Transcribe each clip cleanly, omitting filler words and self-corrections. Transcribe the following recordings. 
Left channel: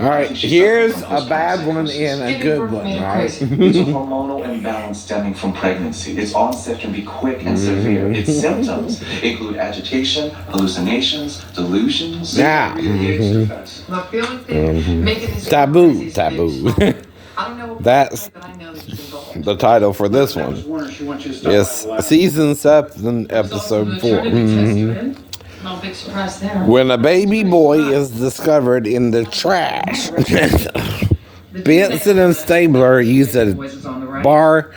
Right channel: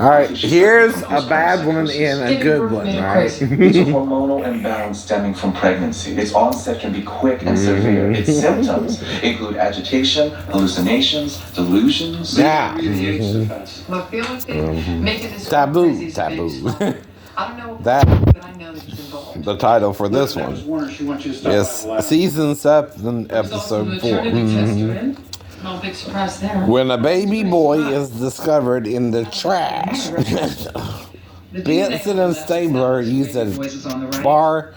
All right, here's a bad one and a good one, right? It's a hormonal imbalance stemming from pregnancy. Its onset can be quick and severe. Its symptoms include agitation, hallucinations, delusions. Yeah. Look, the only thing making this Taboo. I don't know. That's But I know that you've been involved. the title for this one. Yes, season 7, episode 4. No big surprise there. When a baby boy is discovered in the trash, Benson and Stabler used a bar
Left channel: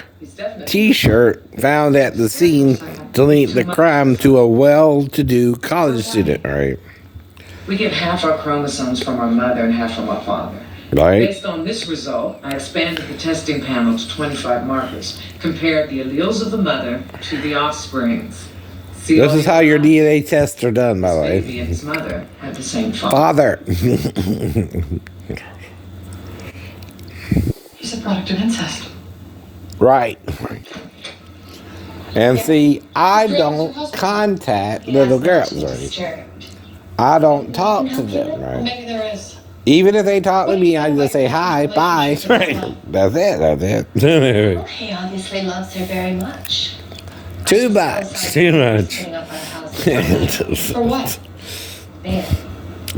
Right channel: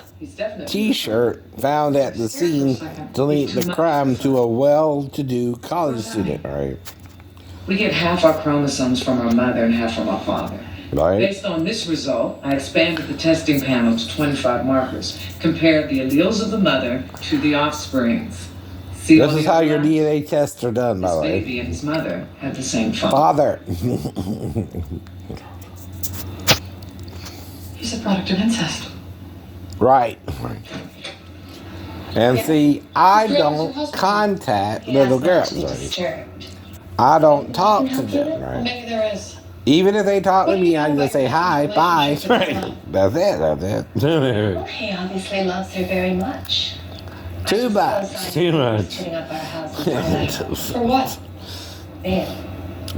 T-shirt found at the scene to link the crime to a well-to-do college student, right? We get half our chromosomes from our mother and half from our father. Right? Based on this result, I expanded the testing panel to 25 markers, compared the alleles of the mother to the offsprings. This is how your DNA tests are done, by the way. This baby and his mother had the same father. He's a product of incest. Right. And see, I don't contact little girls, right? I don't talk to them, right? Maybe there is. Even if they talk to me, I just say hi, bye. Right? That's it. He obviously loves her very much. Too much. For what?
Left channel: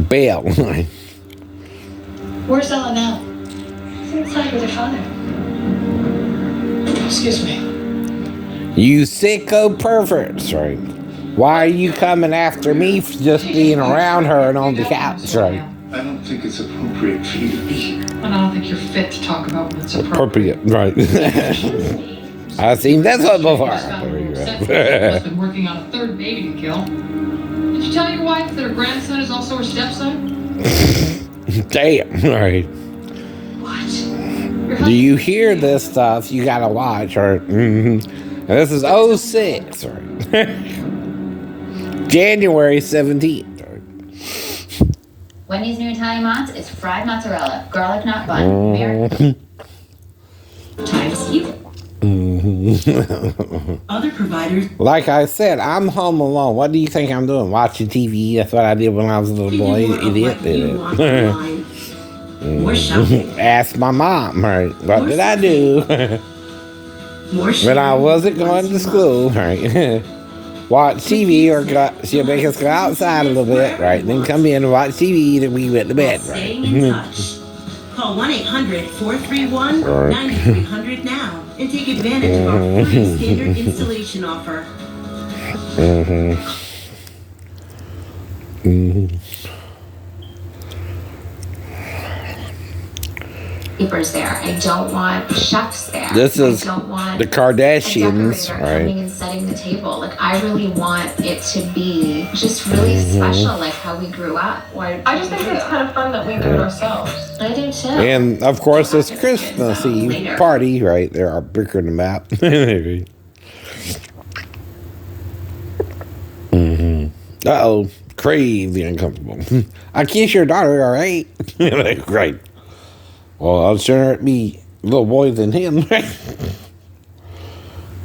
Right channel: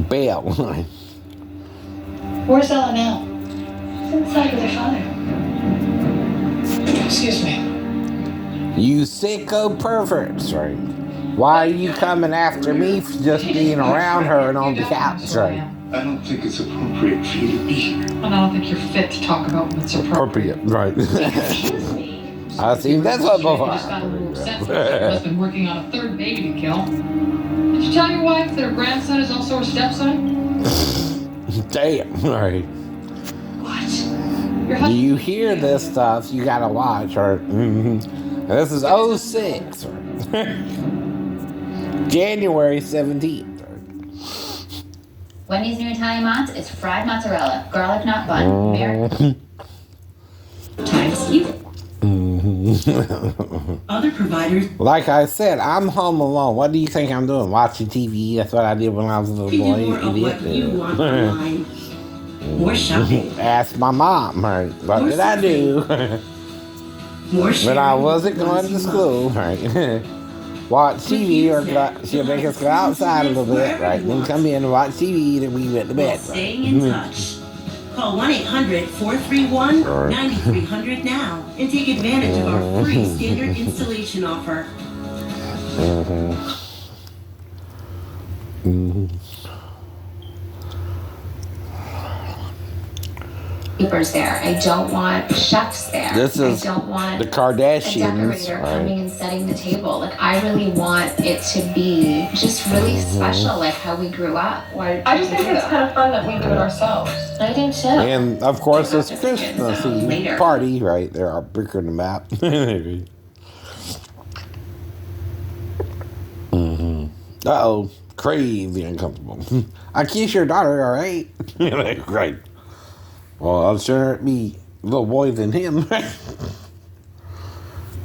Bail. Where's Ella now? She's inside with her father. Excuse me. You sicko perverts, right? Why are you coming after me for just being around her and on the couch, right? I don't think it's appropriate for you to be here. And I don't think you're fit to talk about what's appropriate. Right. I've seen that one before. Has been working on a third baby to kill. Did you tell your wife that her grandson is also her stepson? Damn, right. What? Do you hear this stuff? You gotta watch, right? This is 06, right? January 17th. Right? Wendy's new Italian Mott's is fried mozzarella, garlic knot bun, times even. Other providers. Like I said, I'm home alone. What do you think I'm doing? Watching TV? That's what I did when I was a little boy. Idiot. More shopping. Ask my mom, right? What did I do? When I wasn't going to school, right? Watch TV or she'll make us go outside a little bit, right? Then come in and watch TV, then we went to bed, right? Staying in touch. Call 1-800-431-9300 now and take advantage of our free standard installation offer. Papers there. I don't want chefs there. This is I don't want the Kardashians, right? right? Coming and setting the table. Like I really want it to be just really special, like how we grew up. I just think it's kind of fun that we do it ourselves. I do too. And of course, this Christmas Eve party, right? There are bigger than that. Uh-oh, crazy uncomfortable. I kiss your daughter, all right? Right. Well, I'll sure it be a little boy than him, right?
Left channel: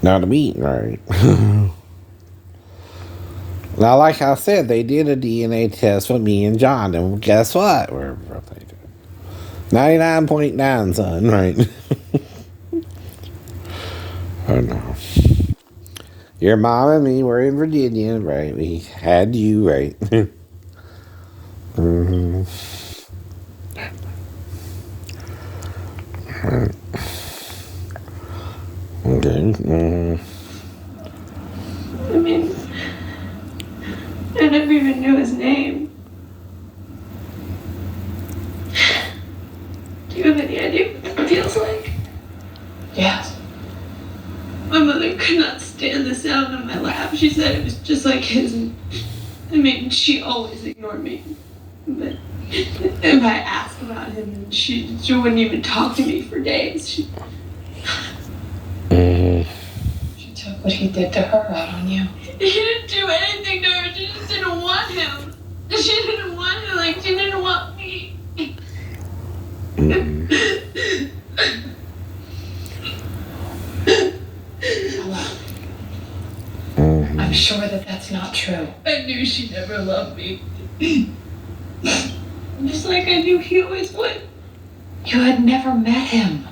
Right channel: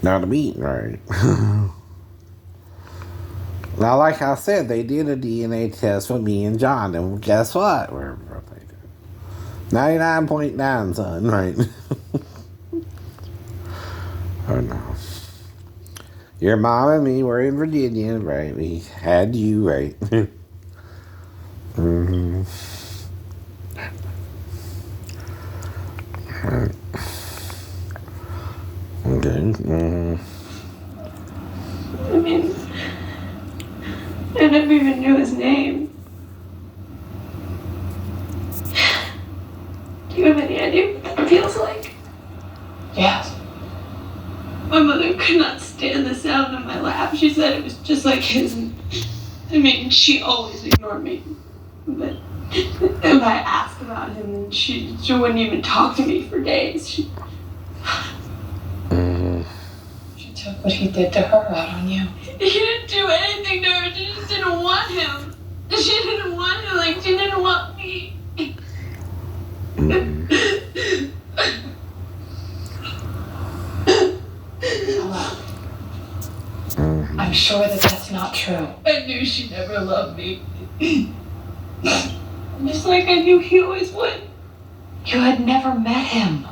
Not to me, right? Now, like I said, they did a DNA test with me and John, and guess what? We're 99.9, son, right? Oh, no. Your mom and me were in Virginia, right? We had you, right? Okay. I mean, I never even knew his name. Do you have any idea what that feels like? Yes. My mother could not stand the sound of my laugh. She said it was just like his. I mean, she always ignored me. But if I asked about him, then she wouldn't even talk to me for days. She took what he did to her out on you. He didn't do anything to her. She just didn't want him. She didn't want him like she didn't want me. I'm sure that that's not true. I knew she never loved me. Just like like I knew he always would. You had never met him.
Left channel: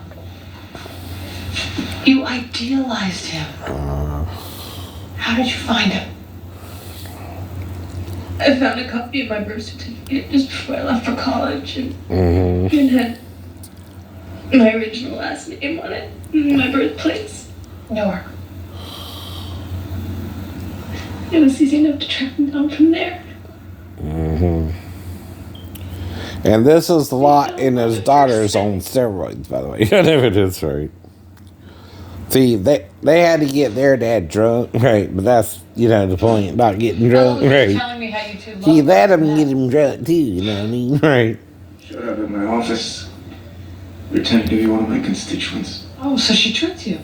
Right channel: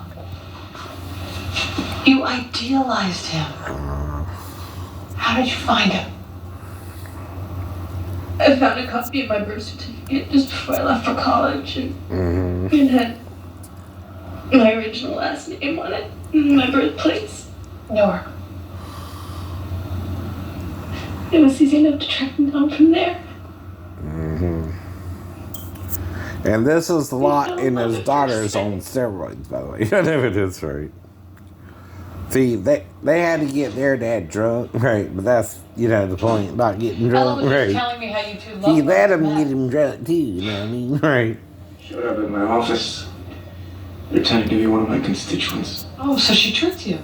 You idealized him. How did you find him? I found a copy of my birth certificate just before I left for college, and it had my original last name on it, and my birthplace. Newark. It was easy enough to track him down from there. And this is the lot in his daughter's on steroids, by the way. I never did right. See, they had to get their dad drunk, right? But that's, the point about getting drunk, right? Telling me how you two love He let him get him drunk too, you know what I mean? Right. Showed up at my office, pretending to be one of my constituents. Oh, so she tricked you.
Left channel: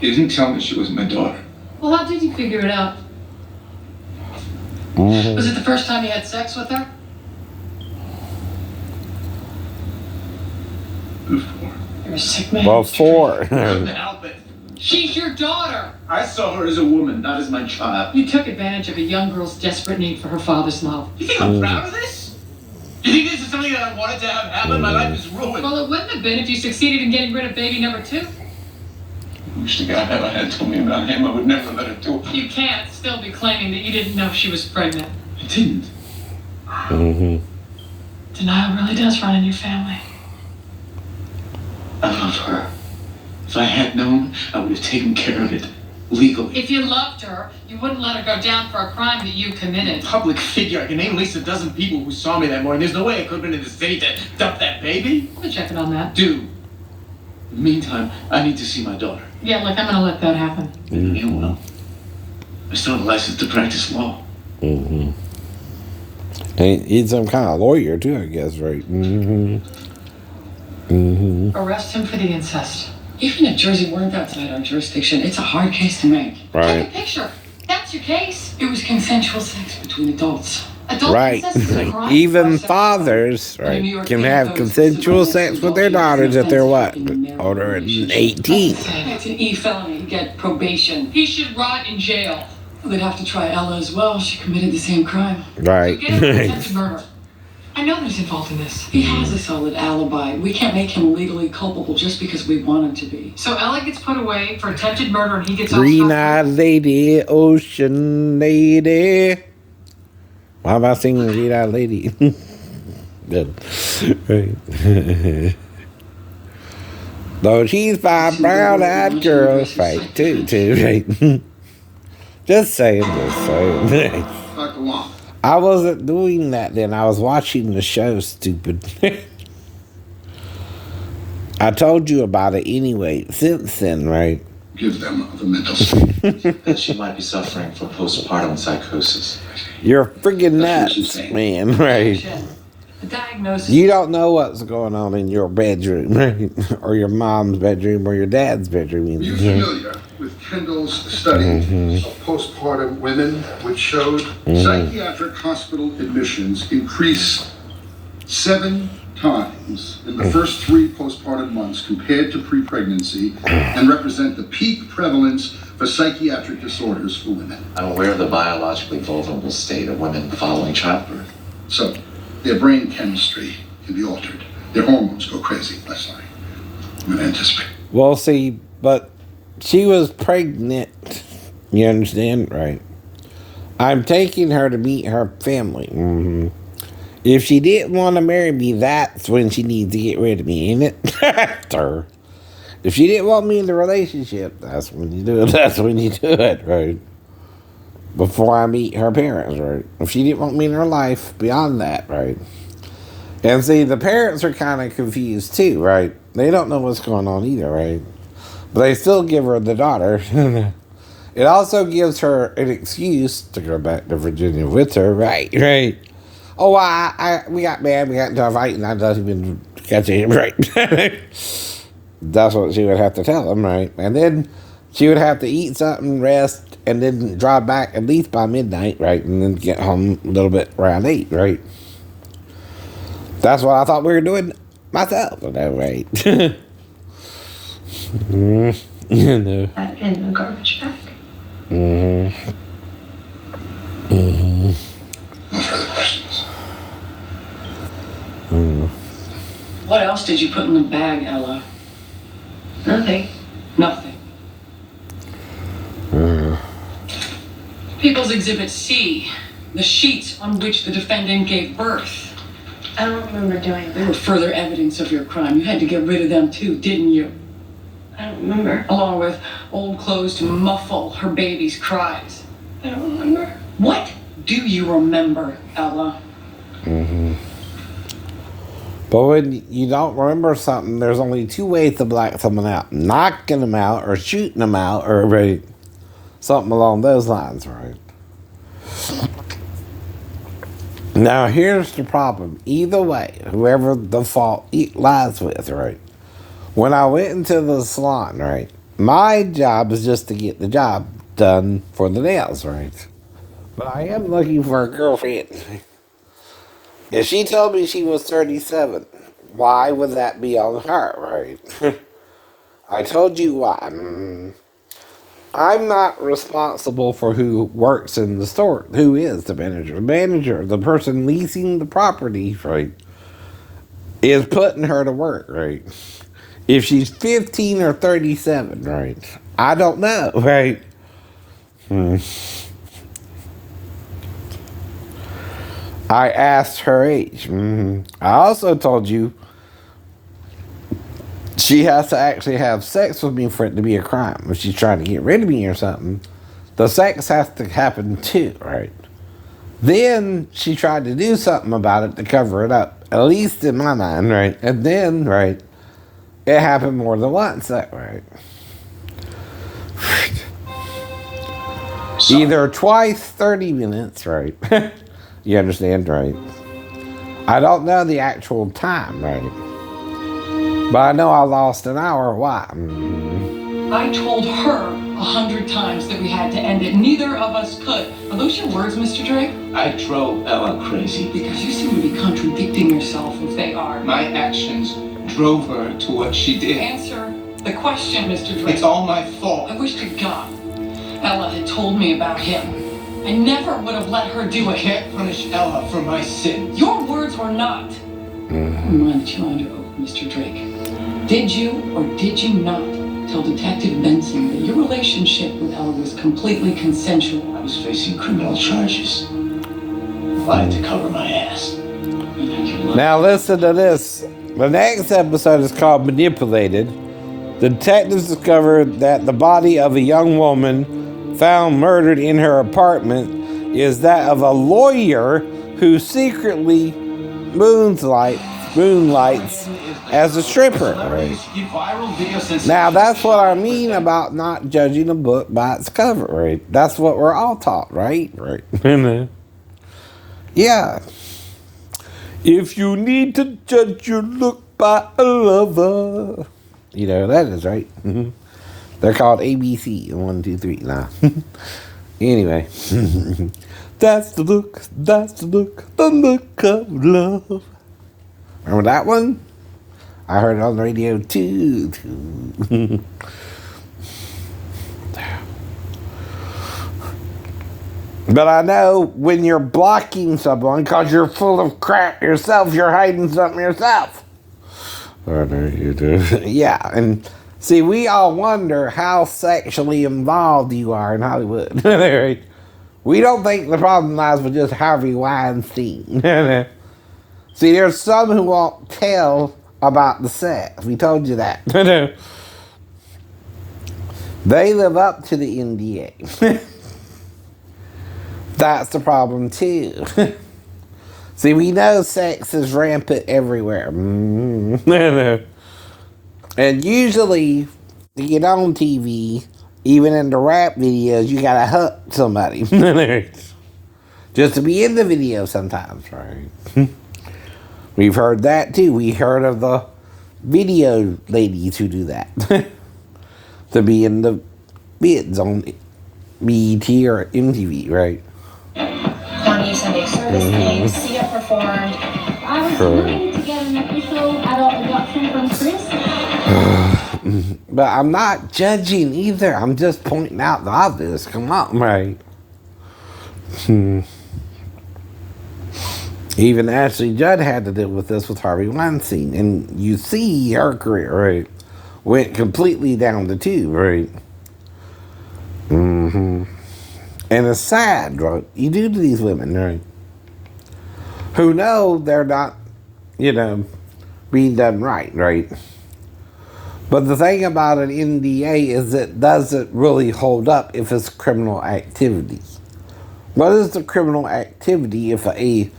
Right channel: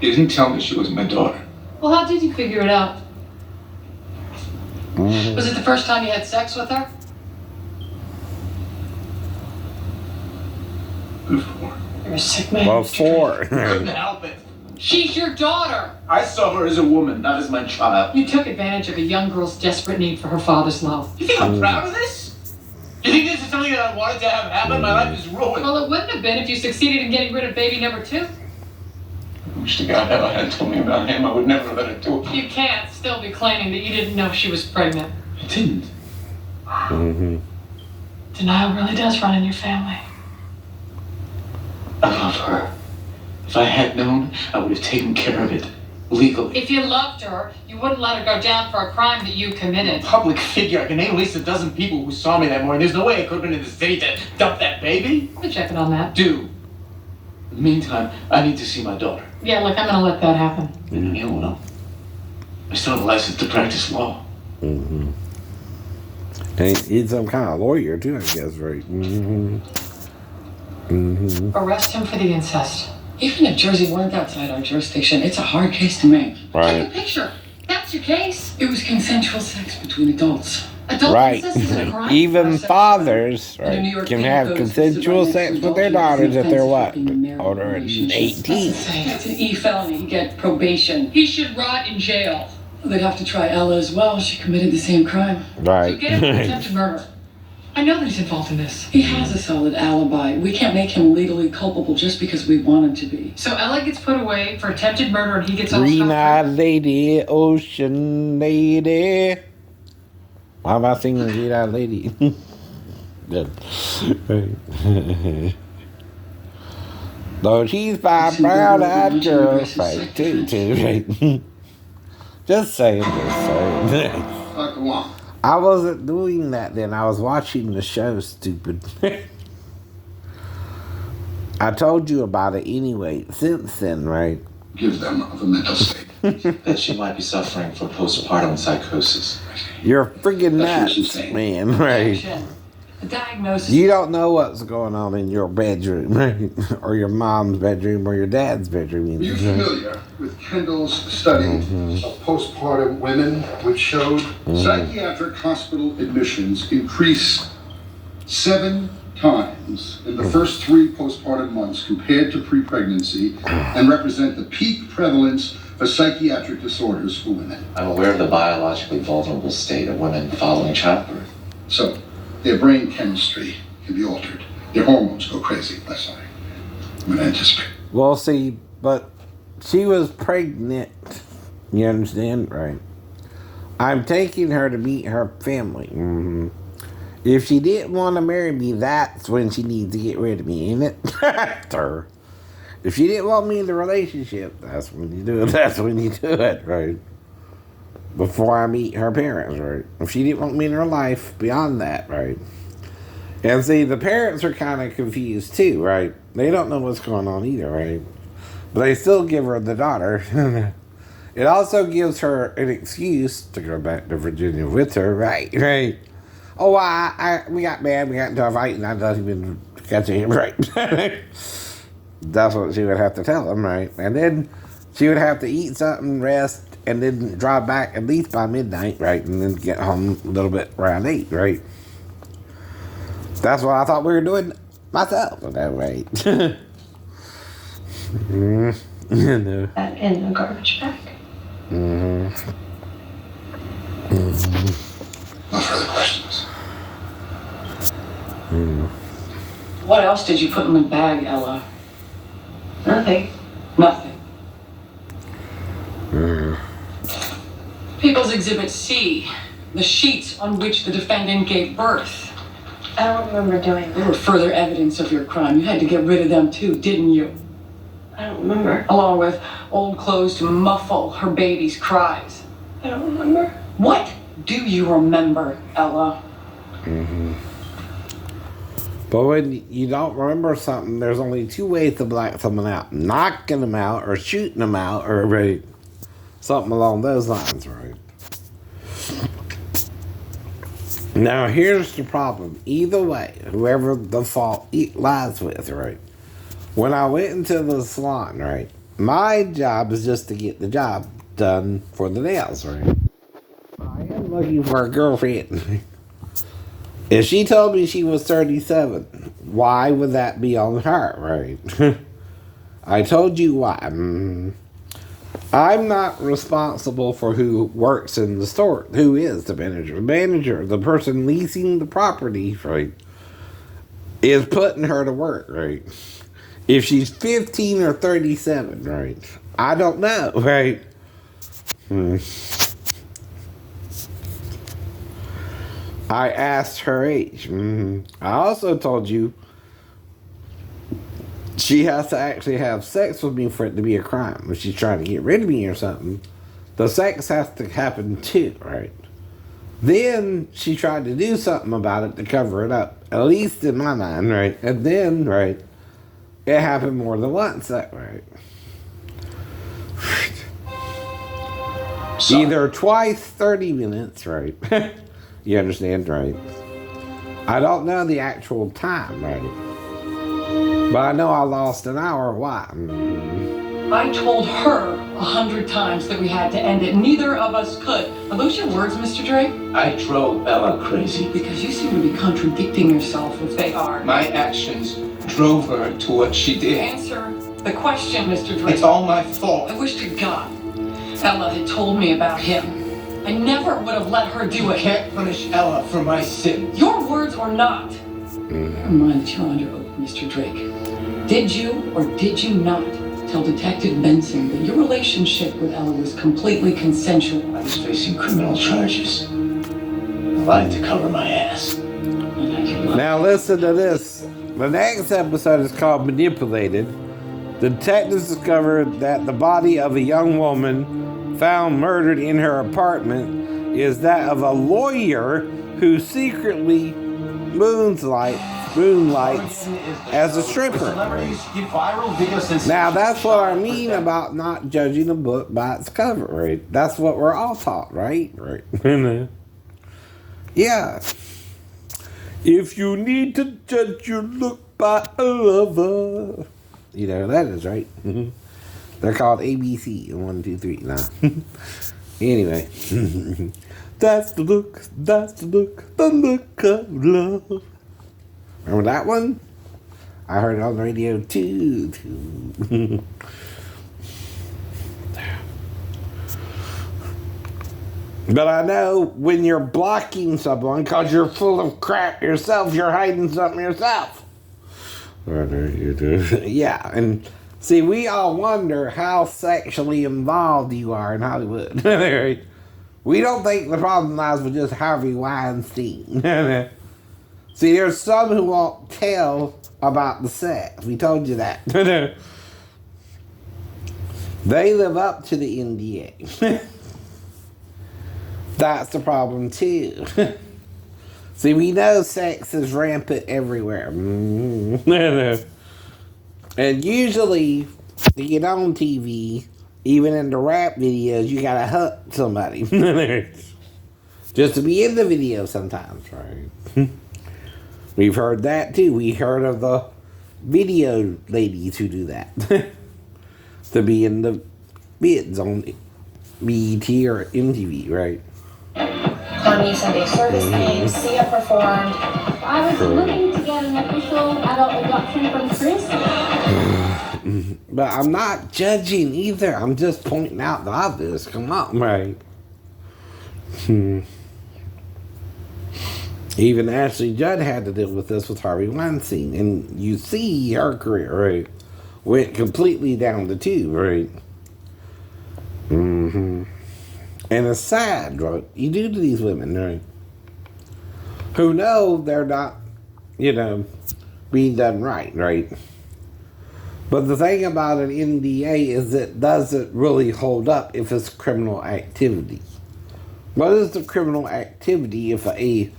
You didn't tell me she was my daughter. Well, how did you figure it out? Was it the first time you had sex with her? Before. You're a sick man. Before. Couldn't help it. She's your daughter. I saw her as a woman, not as my child. You took advantage of a young girl's desperate need for her father's love. You think I'm proud of this? You think this is something that I wanted to have happen? My life is ruined. Well, it wouldn't have been if you succeeded in getting rid of baby number 2. I wish to God if I had told me about him, I would never let her do it. You can't still be claiming that you didn't know she was pregnant. I didn't. Denial really does run in your family. I love her. If I had known, I would have taken care of it. Legally. If you loved her, you wouldn't let her go down for a crime that you committed. Public figure. I can name at least a dozen people who saw me that morning. There's no way I could have been in the city to dump that baby. Let me check it on that. Do. In the meantime, I need to see my daughter. Yeah, look, I'm gonna let that happen. Yeah, well, I still have a license to practice law. And he's some kind of lawyer too, I guess, right? Arrest him for the incest. Even if Jersey weren't outside our jurisdiction, it's a hard case to make. Right. Take a picture. That's your case. It was consensual sex between adults. Adult Right. incest is a crime. Even fathers, right, can have consensual sex with their daughters if they're what? Older than 18. It's an E felony. You get probation. He should rot in jail. They'd have to try Ella as well. She committed the same crime. Right. Get him for attempted murder. I know that he's involved in this. He has a solid alibi. We can't make him legally culpable just because we want him to be. So Ella gets put away for attempted murder and he gets off Green-eyed lady, ocean lady. Why am I singing Green-eyed lady? Good. Right. Though she's by brown-eyed girls, right, too, right? Just saying. I wasn't doing that then. I was watching the show, stupid. I told you about it anyway. Since then, right? Give them of a mental state. That she might be suffering from postpartum psychosis. You're freaking nuts, man, right? The diagnosis. You don't know what's going on in your bedroom, right? Or your mom's bedroom, or your dad's bedroom. Are you familiar with Kendall's study of postpartum women, which showed psychiatric hospital admissions increase 7 times in the first 3 postpartum months compared to pre-pregnancy and represent the peak prevalence for psychiatric disorders for women? I'm aware of the biologically vulnerable state of women following childbirth. So, their brain chemistry can be altered. Their hormones go crazy. That's why I'm going to anticipate. Well, see, but she was pregnant. You understand? Right. I'm taking her to meet her family. If she didn't want to marry me, that's when she needs to get rid of me, ain't it? Her. If she didn't want me in the relationship, that's when you do it. That's when you do it, right? Before I meet her parents, right? If she didn't want me in her life beyond that, right? And see, the parents are kind of confused too, right? They don't know what's going on either, right? But they still give her the daughter. It also gives her an excuse to go back to Virginia with her, right? Right. Oh, we got mad, we got into a fight, and I didn't even catch him, right? That's what she would have to tell him, right? And then she would have to eat something, rest, and then drive back at least by midnight, right? And then get home a little bit around 8, right? That's what I thought we were doing myself, right? You know. In a garbage bag. No further questions. What else did you put in the bag, Ella? Nothing. Nothing. People's Exhibit C, the sheets on which the defendant gave birth. I don't remember doing They that. were further evidence of your crime. You had to get rid of them too, didn't you? I don't remember. Along with old clothes to muffle her baby's cries. I don't remember. What do you remember, Ella? But when you don't remember something, there's only two ways to black someone out. Knocking them out or shooting them out or right, something along those lines, right? Now, here's the problem. Either way, whoever the fault lies with, right? When I went into the salon, right, my job is just to get the job done for the nails, right? But I am looking for a girlfriend. If she told me she was 37, why would that be on her, right? I told you why. I'm not responsible for who works in the store. Who is the manager? The manager, the person leasing the property, right, is putting her to work, right? If she's 15 or 37, right? I don't know, right? I asked her age. I also told you she has to actually have sex with me for it to be a crime. If she's trying to get rid of me or something, the sex has to happen too, right? Then she tried to do something about it to cover it up, at least in my mind, right? And then, right, it happened more than once that way. Either twice, 30 minutes, right? You understand, right? I don't know the actual time, right? But I know I lost an hour. Why? I told her 100 times that we had to end it. Neither of us could. Are those your words, Mr. Drake? I drove Ella crazy. Because you seem to be contradicting yourself if they are. My actions drove her to what she did. Answer the question, Mr. Drake. It's all my fault. I wish to God Ella had told me about him. I never would have let her do You it. can't punish Ella for my sins. Your words were not. Never mind that you're under oath, Mr. Drake. Did you or did you not tell Detective Benson that your relationship with Ella was completely consensual? I was facing criminal charges. I lied to cover my ass. Now listen to this. The next episode is called Manipulated. The detectives discovered that the body of a young woman found murdered in her apartment is that of a lawyer who secretly moonlights as a stripper. Now that's what I mean about not judging a book by its cover, right? That's what we're all taught, right? Right. Yeah. If you need to judge your look by a lover. You know, that is right. They're called ABC. 1, 2, 3. Nah. Anyway. That's the look the look of love. Remember that one? I heard it on the radio too. But I know when you're blocking someone because you're full of crap yourself, you're hiding something yourself. I know you do. Yeah, and see, we all wonder how sexually involved you are in Hollywood. Right? We don't think the problem lies with just Harvey Weinstein. See, there's some who won't tell about the sex. We told you that. They live up to the NDA. That's the problem too. See, we know sex is rampant everywhere. And usually, to get on TV, even in the rap videos, you gotta hook somebody. Just to be in the video sometimes, right? We've heard that too. We heard of the video ladies who do that. To be in the bids on BET or MTV, right? Kanye Sunday service came, Sia performed. I was looking to get an official adult adoption from Chris. But I'm not judging either. I'm just pointing out the obvious. Come on, right? Even Ashley Judd had to deal with this with Harvey Weinstein. And you see her career, right, went completely down the tube, right? And it's sad, right? You do to these women, right? Who know they're not, being done right, right? But the thing about an NDA is it doesn't really hold up if it's criminal activity. What is the criminal activity if a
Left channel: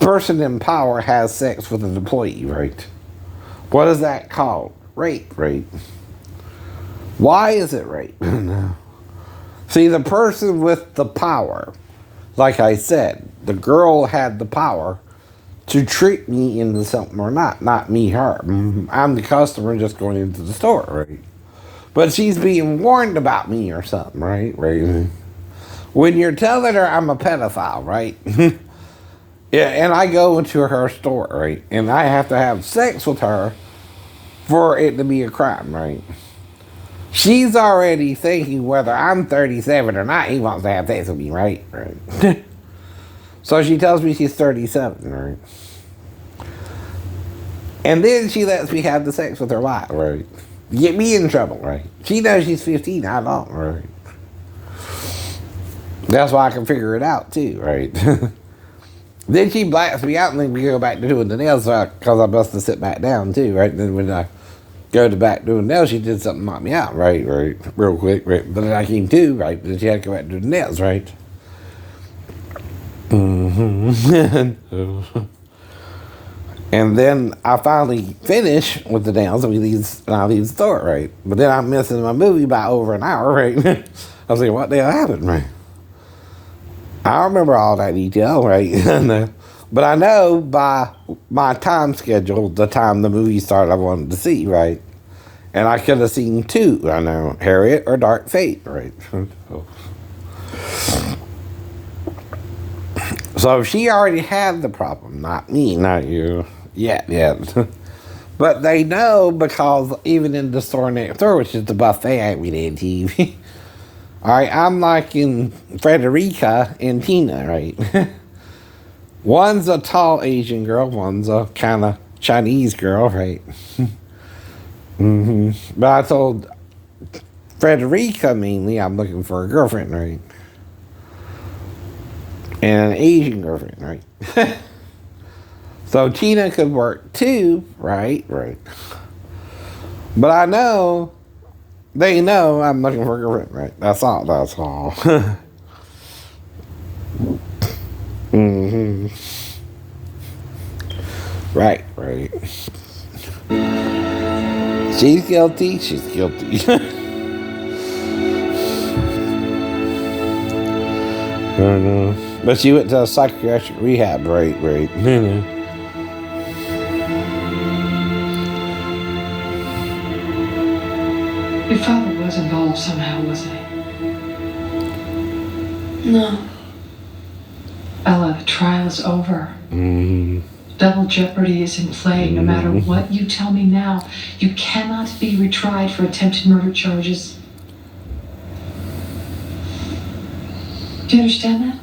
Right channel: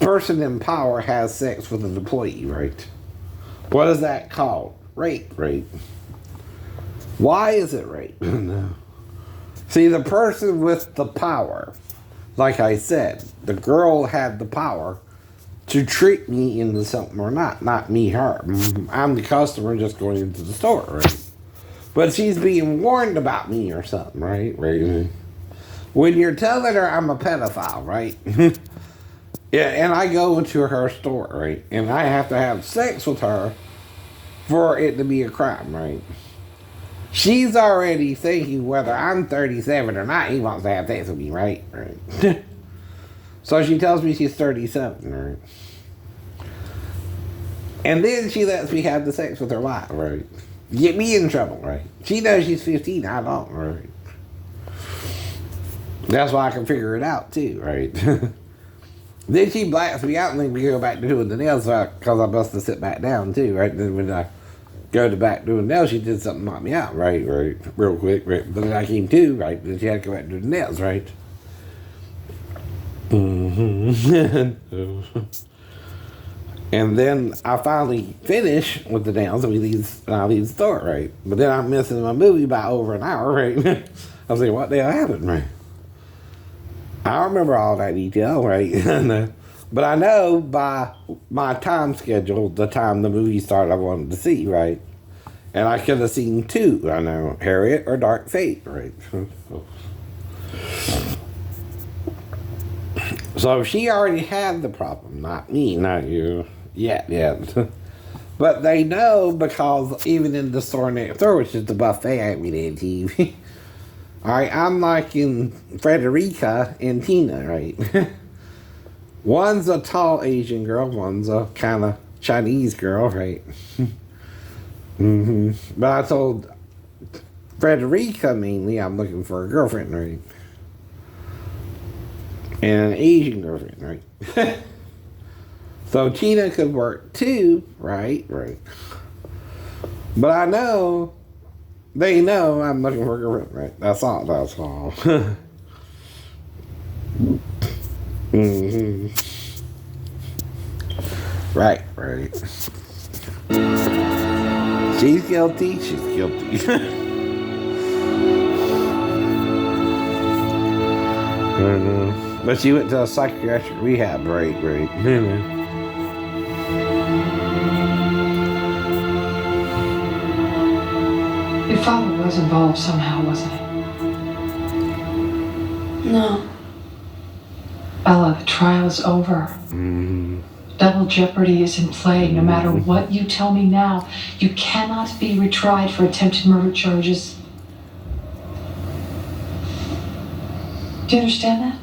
person in power has sex with an employee, right? What is that called? Rape, right? Why is it rape? See, the person with the power, like I said, the girl had the power to trick me into something or not me, her. I'm the customer just going into the store, right? But she's being warned about me or something, right? When you're telling her I'm a pedophile, right? Yeah, and I go into her store, right? And I have to have sex with her for it to be a crime, right? She's already thinking whether I'm 37 or not, he wants to have sex with me, right? Right. So she tells me she's 37, right? And then she lets me have the sex with her wife, right? Get me in trouble, right? She knows she's 15, I don't, right? That's why I can figure it out, too, right? Then she blacks me out and then we go back to doing the nails because I must have sit back down, too, right? And then when I go to back doing nails, she did something to knock me out, right? Real quick, right? But then I came to, right? Then she had to go back to do the nails, right? And then I finally finish with the nails and I leave the store, right? But then I'm missing my movie by over an hour, right? I was like, what the hell happened, right? I remember all that detail, right? But I know by my time schedule, the time the movie started I wanted to see, right? And I could have seen two, I know, Harriet or Dark Fate, right? So she already had the problem, not me, not you, yet. But they know because even in the store next door, which is the buffet every day TV, all right, I'm like in Frederica and Tina, right? One's a tall Asian girl, one's a kind of Chinese girl, right? But I told Frederica mainly I'm looking for a girlfriend, right? And an Asian girlfriend, right? So Tina could work too, right? But I know, they know I'm looking for a girlfriend, right? That's all. Right. She's guilty. But she went to a psychiatric rehab, right. Your father was involved somehow, wasn't he? No. Ella, the trial is over. Double jeopardy is in play. No matter what you tell me now, you cannot be retried for attempted murder charges. Do you understand that?